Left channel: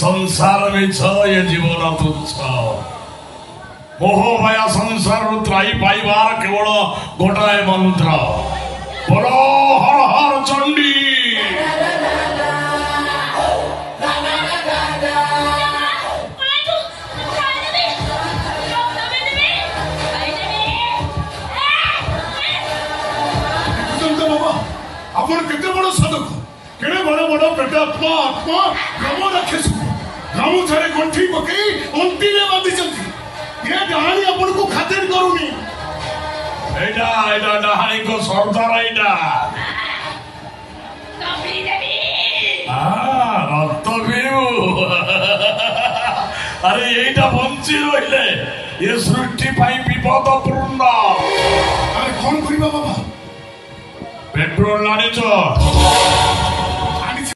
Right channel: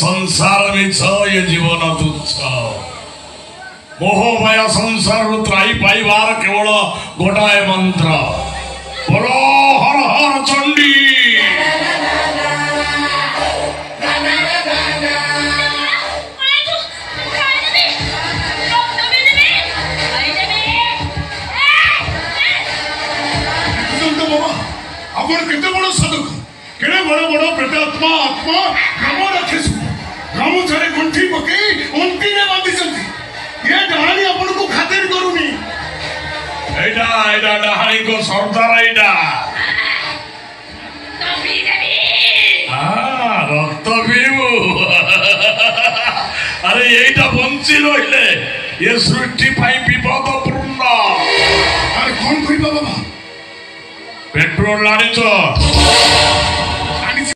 संसार मिछ ये जीवन तुच्छ मोह माया संसार त्राई पाइबार केवल गोटाए मंत्र बोलो हर हर चंडी अपन केते बड़ साधक केड़े बड़ बड़ प्रेतात्मा आत्मा ग्राम रखे ग्राम छाड़े गंठी पकई अंटी रे बांधी चंती ये डहाणी अपन को खातिर करूनी एडा एडा डहाणी को सरदार एडा तभी देवी रक्त पीबू अरे एटा बंची रहिले ये सृष्टि पाई विपदपूर्ण अरे कौन करिबा बाबा पेट्रोल लाणी